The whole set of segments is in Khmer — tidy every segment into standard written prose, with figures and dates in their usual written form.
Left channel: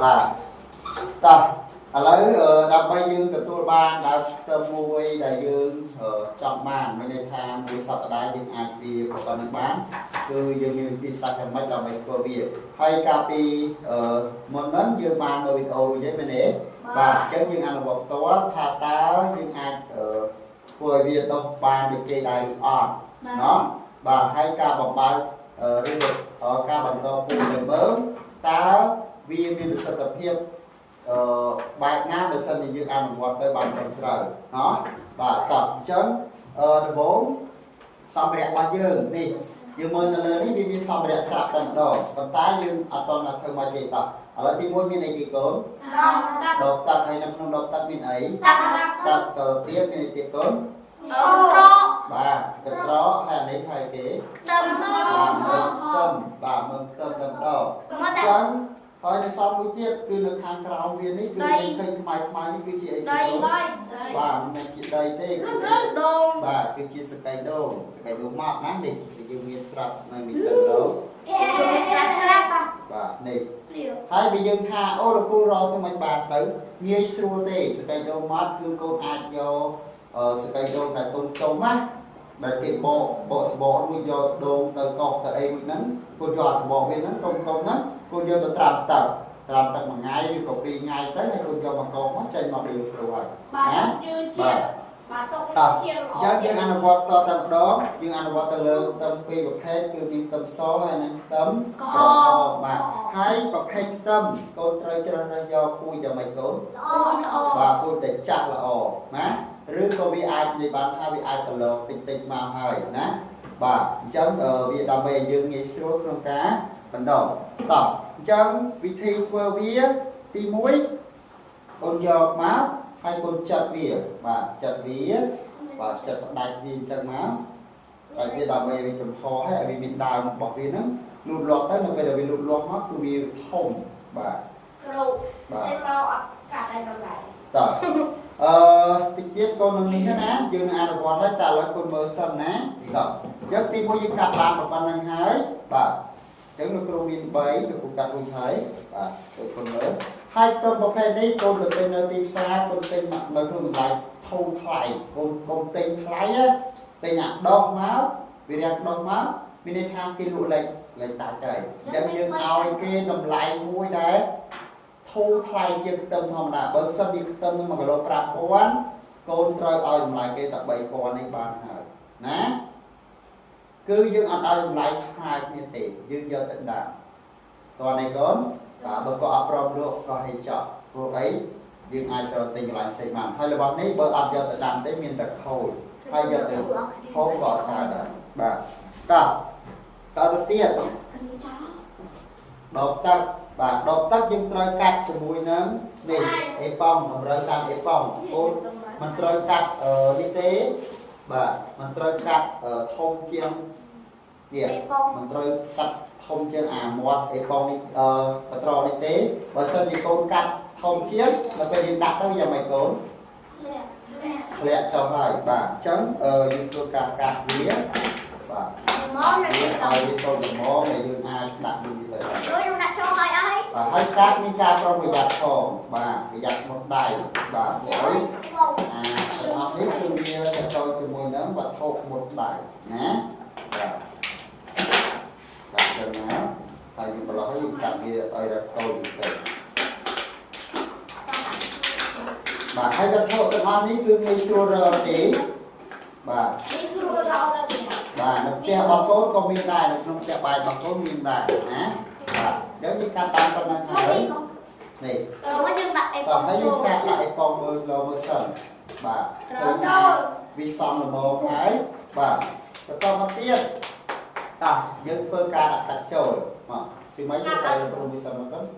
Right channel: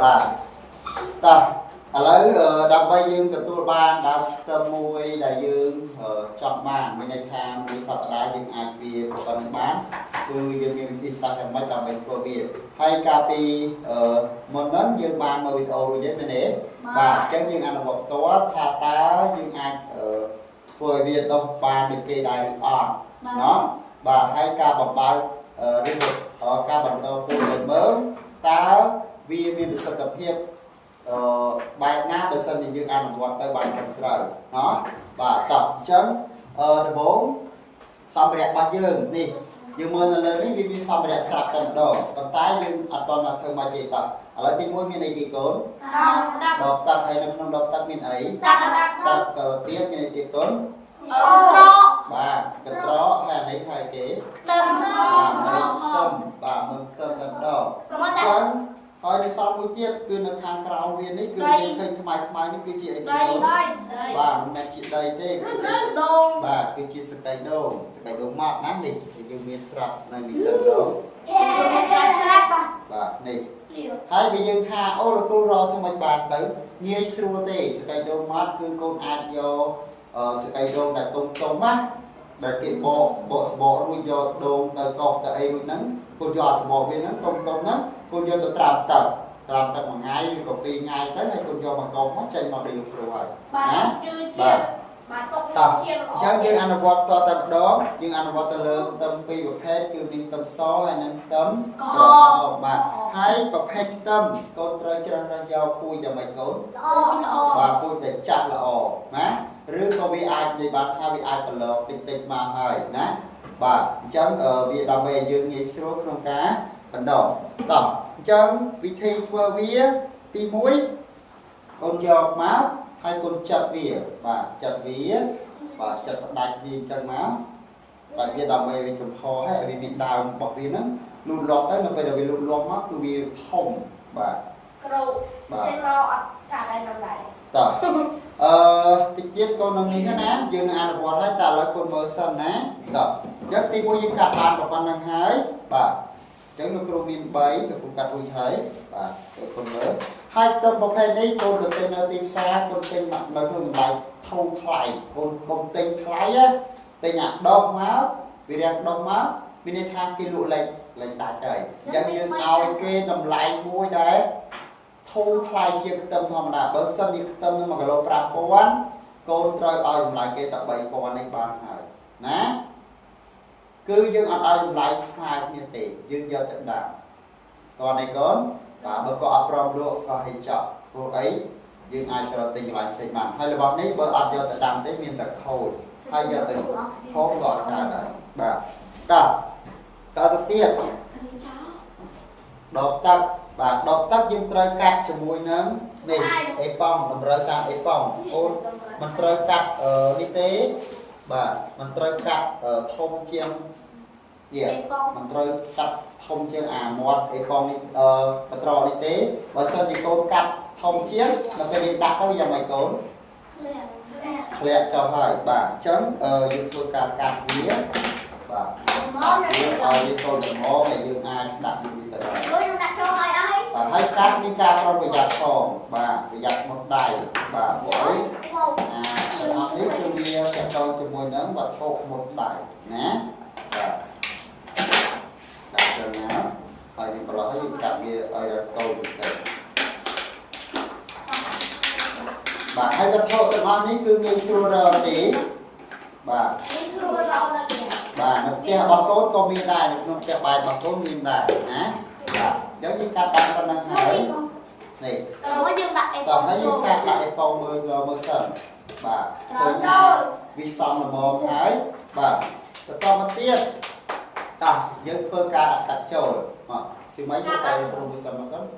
បាទតោះឥឡូវដើម្បីយើងទទួលបានដល់ទៅមួយដែលយើងចង់បានមានន័យថាមួយសប្តាហ៍យើងអាចវាប្រព័ន្ធនឹងបានគឺយើងមានវិធីសាស្ត្រយ៉ាងម៉េចដើម្បីធ្វើវាហើយកាលពីមុនហ្នឹងយើងបានមើលវីដេអូរួចហើយមែនទេបាទអញ្ចឹងយើងអនុវត្តផ្ទាល់ថាតើយើងអាចធ្វើឲ្យវាដុះបានដូចគេដែរឬអត់ណោះបាទហើយការបំបើកឬការបន្តពូជទៅមើលតើវាមានប្រសិទ្ធភាពបែបណាបើសិនជាយើងអនុវត្តទៅបានត្រឹមត្រូវណោះបាទតោះអញ្ចឹងដំបូងសម្ភារៈរបស់យើងនេះយើងមើលនៅលើនេះវាមានសម្ភារៈស្រាប់តែម្ដងប៉ុន្តែយើងអត់តន់ធ្វើមកទេតោះឥឡូវទី1មានអីគេកូនដបទឹកហើយនៅក្នុងដបទឹកមានអីទឹកទៀតមានអីទៀតកូនបាទកត្រកហើយអានេះហើយគេខ្ទឹមបាទមើលខ្ទឹមតែម្ដងអញ្ចឹងហើយនៅសល់មួយទៀតគឺនៅខាងក្រោមវានេះគឺយើងឃើញខ្មៅនេះគឺជាអីគេបាទមិនមែនជាដីទេគឺជាដូងបាទគឺជាសកៃដូងម៉ត់ណានេះយើងមានស្រាប់នៅនេះទៅដល់បាទនេះហើយបើយើងថាអូលោកគ្រូរកធ្វើមិនបានទៅងាយស្រួលទេសកៃដូងម៉ត់គឺកូនអាចយកសកៃដូងដែលទុំណាដែលគេបកសបករួចយកដូងទៅកោសទៅអីរួចហ្នឹងកូនយកសបកវាហ្នឹងទុំហ្នឹងកូនយកទៅត្រាំទឹកមួយថ្ងៃឬក៏2ថ្ងៃទៅហើយកូនយកមកកោសមកចេញមកដូចលោកគ្រូហើយណាបាទតោះអញ្ចឹងយើងអនុវត្តតតែម្ដងយើងអនុវត្តទៅលើខ្ទឹមពីរប្រភេទគឺមានខ្ទឹមសហើយនិងខ្ទឹមក្រហមបាទហើយប្រភេទខ្ទឹមកូនត្រូវជ្រើសរើសយកពូជយ៉ាងម៉េចកូនបាទពូជតែចាស់ល្អណាឬក៏វាអាចនិយាយបានថាវាអាចប្រឡងតិចមកហើយណាបាទអញ្ចឹងវាដើម្បីឲ្យយើងងាយស្រួលក្នុងការបណ្ដុះតោះអញ្ចឹងវិធីធ្វើវាទី1កូនយកមកហើយកូនចាត់វាបាទចាត់វាបាទចាត់ផ្ដាច់វាអញ្ចឹងមកតែវាដើម្បីឲ្យចំហហើយឲ្យវាមានដើមរបស់វាហ្នឹងលូតលាស់ទៅនៅពេលដែលវាលូតលាស់មកគឺវាធំបាទគ្រូបាទមកអត់កាត់ឲ្យដល់ដែរតោះតិចទៀតកូននឹងនេះណាយើងនឹងអនុវត្តហើយតែឥឡូវកូនមើលសិនណាតោះអញ្ចឹងទី1យើងកាត់បានប៉ុណ្្នឹងហើយបាទអញ្ចឹងលោកគ្រូមាន3លោកគ្រូកាត់រួចហើយបាទឲ្យកូនមើលហើយខ្ទឹមប្រភេទនេះកូនទៅទិញនៅទីផ្សារកូនទិញនៅក្នុងតម្លៃធំថ្លៃកូនកុំទិញថ្លៃណាទិញអាដុសមកវារាំងដុសមកមានន័យថាគេលក់លេខដាច់ហើយអញ្ចឹងយើងឲ្យគេតម្លៃមួយដែលធូរថ្លៃជាខ្ទឹមធម្មតាបើសិនជាខ្ទឹមនឹង1គីឡូ5000កូនត្រូវឲ្យតម្លៃគេតែ3000នេះបានហើយណាគឺយើងអត់ឲ្យតម្លៃស្មើគ្នាទេយើងយកទៅដាក់តោះនេះកូនបាទបើក៏អត់ព្រមលក់ក៏ឲ្យចប់ព្រោះអីយើងអាចទៅទិញកន្លែងផ្សេងបានហើយរបស់នេះបើអត់យកទៅដាំទេមានតែខូចហើយយកទៅហូបក៏អត់កើតដែរបាទតទៅទៀតដបទឹកបាទដបទឹកយើងត្រូវកាត់ជាមួយនឹងនេះអេប៉ង់តម្រូវតាមអេប៉ង់អូនមិនត្រូវកាត់នេះទេបាទមិនត្រូវកាត់ធំជាងនេះមិនត្រូវកាត់ធំជាងអាមាត់អេប៉ង់នេះកត្រកនេះទេបើសិនជាកូនកាត់ធំជាងដល់ពេលយើងដាក់ទៅយ៉ាងម៉េចកូនធ្លាក់ចុះហើយបាទអញ្ចឹងយើងធ្វើការកាត់វាបាទយើងឲ្យវាតូចល្មមហើយយើងអាចដាក់វាទៅហើយខ្ញុំដាក់ចូលហើយអីបាទហើយកាត់មានការប្រុងប្រយ័ត្នផងបាទប្រយ័ត្នមុតដៃបាទព្រោះអីទាំងអស់នេះគឺវាតកតជាមួយនឹងវត្ថុមុតដៃណាបាទដាក់ទៅណាហើយវាប្រឡោះហើយយើងកាត់វាឲ្យរកតូចទៅបាទហើយវត្ថុទាំងអស់នេះគឺងាយស្រួលរកទេបាទងាយស្រួលរកទៅបាទនៅផ្ទះរបស់កូនក៏មានដែរនៅក្នុងផ្ទះបាយរបស់កូនមានដែរណាបាទអញ្ចឹងយើងកាត់បានប៉ុណ្ណឹងហើយនេះយើងដាក់អេប៉ុងហើយយើងសាកដាក់អេប៉ុងមើលសិនបាទឃើញថាវាសមល្មមហើយបាទបន្តមកទៀតតោះយើងធ្វើការដាក់ទឹកចូលមកស៊ីម៉ៃយកតែប្រូវីសិនមកគាត់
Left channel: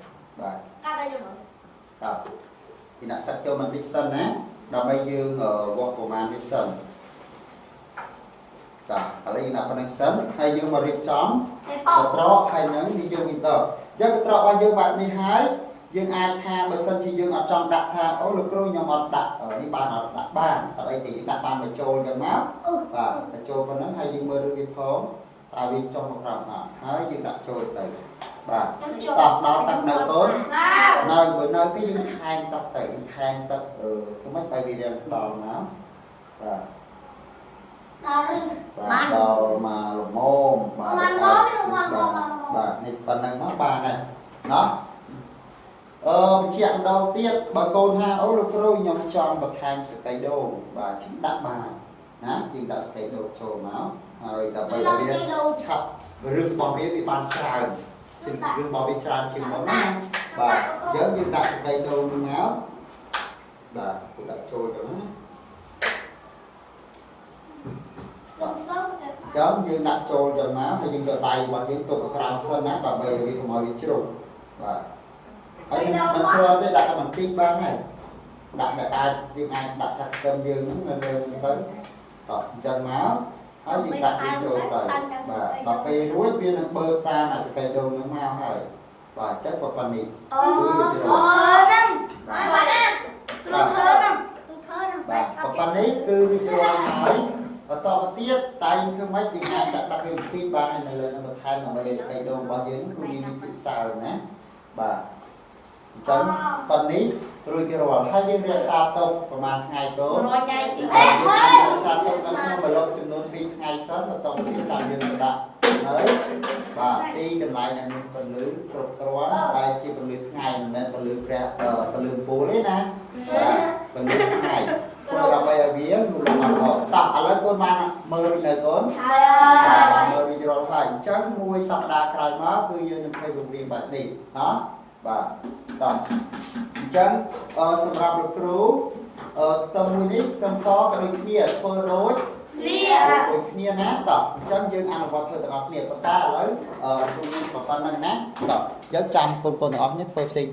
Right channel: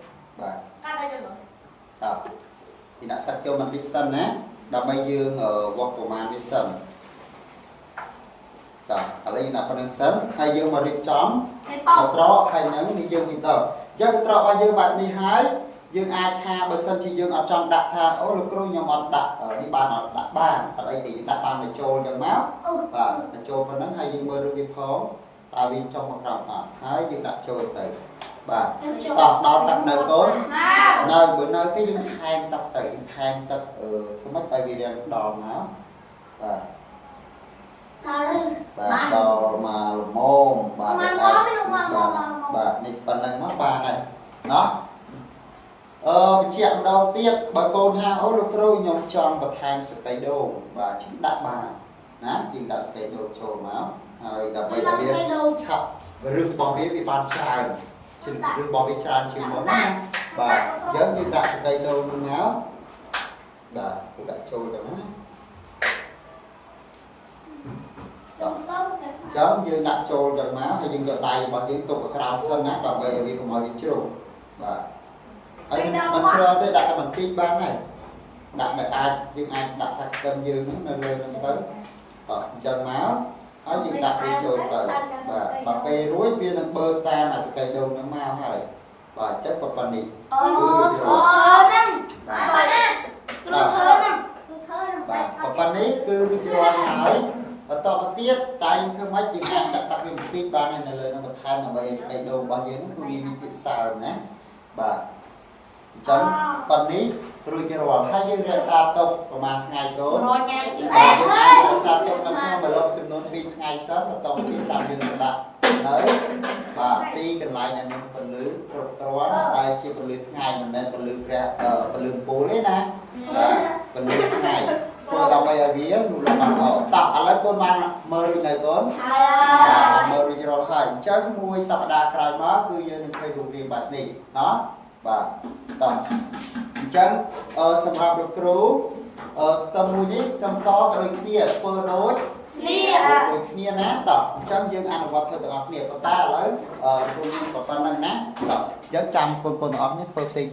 បាទកាត់ឲ្យចូលតោះពីដាក់ទឹកចូលបន្តិចសិនណាដើម្បីយើងវាស់ប្រមាណវាសិនតោះឥឡូវយើងដាក់ប៉ុណ្្នឹងសិនហើយយើងមករៀបចំកត្រកហើយនឹងនេះយើងវិញដល់អញ្ចឹងកត្រករបស់យើងបែបនេះហើយយើងអាចថាបើសិនជាយើងអត់ចង់ដាក់ថាអូលោកគ្រូខ្ញុំអត់ដាក់នេះបានអត់ដាក់បានអត់អីទេយើងដាក់បានមកចូលចឹងមកបាទបញ្ចូលប៉ុណ្្នឹងហើយយើងមើលរូបវាផងតើវាចុះមកក្រោមអត់ហើយយើងដាក់ចូលទៅ បាទតោះដល់ទឹកនៅកូននៅបើនៅគេយើងខែងទឹកទៅខែងទឹកធ្វើម៉េចឲ្យវារៀងដល់មកបាទបាទដល់មកល្មមបាទបាទនេះប៉ុណ្ណឹងមកបានហើយណោះបញ្ជាក់ម្ដងទៀតបើកូនហាអូលោកគ្រូខ្ញុំចង់បន្ថែមសកៃដូងបាទជិះដាក់បានណាយើងដាក់សកៃដូងចូលមកហើយដើម្បីឲ្យវាឆាប់រឿងរបស់វាបានច្រើនជាងរឿងរបស់វាច្រើនជាងមុនណាបាទអញ្ចឹងយើងដាក់សកៃដូងនេះមកបាទគេដាក់ចូលទៅណាចាំយើងដាក់ចូលទៅមកហើយយើងយកដៃរបស់យើងទុកក្រោមសិនណាដើម្បីឲ្យវាកុំឲ្យវាជ្រុំបាទហើយមិនជ្រុំទេដាក់តែបន្តិចបានហើយដាក់តែអាចយើងអាចដាក់ថាស្ទឹមយើងហ្នឹងនៅលើហ្នឹងទៅអញ្ចឹងមកហើយយើងដាក់វាចូលទៅបាទដល់ពេលរួចវានឹងបើកតាមអាសកៃដូងហ្នឹងមកហើយបាទចិត្តប៉ុណ្ណេះគឺស្រួលហ្នឹងបាទប៉ុណ្ណេះគឺរួចរាល់ហើយបន្តមកទៀតតែធ្វើម៉េចយើងអាចដាក់ទឹកវាបន្តិចបានហើយនៅលើនឹងបន្ថែមដើម្បីឲ្យស្កៃដូងរបស់យើងគឺវាមានភាពសើមណាបាទអញ្ចឹងប៉ុណ្ណេះរួចរាល់ហើយយើងរក្សាទុកប្រហែលថ្ងៃកូន100ថ្ងៃបាទរក្សាទុកនៅក្នុងប្លុកចំនួន2ថ្ងៃសិនបន្តមកទៀតចាំយើងទៅដាក់នៅបាទទីកន្លែងដែលមានពន្លឺគ្រប់គ្រាន់បែរជាពន្លឺថ្ងៃមិនមែនពន្លឺព្រះពន្លឺពូលទេណាបាទពន្លឺថ្ងៃធ្វើដើម្បីឲ្យវាលូតលាស់បានល្អតោះឥឡូវកូនបានមើលរួចនៅកូនហើយមើលរួចរាល់ហើយអញ្ចឹងមួយសប្តាហ៍ក្រោយមកគឺយើងនឹងឃើញរូបរាងបែបនេះណោះបាទតោះអញ្ចឹងសម្រាប់លោកគ្រូខ្ទឹមមួយនេះខ្ទឹមសក៏ដូចគ្នាធ្វើដូចគ្នាណាតោះអញ្ចឹងយើងអនុវត្តធ្វើទាំងអស់គ្នាប៉ុន្តែឥឡូវគ្រូមានប៉ុណ្្នឹងណាតោះយើងចាំកូនទាំងអស់នេះធ្វើផ្សេង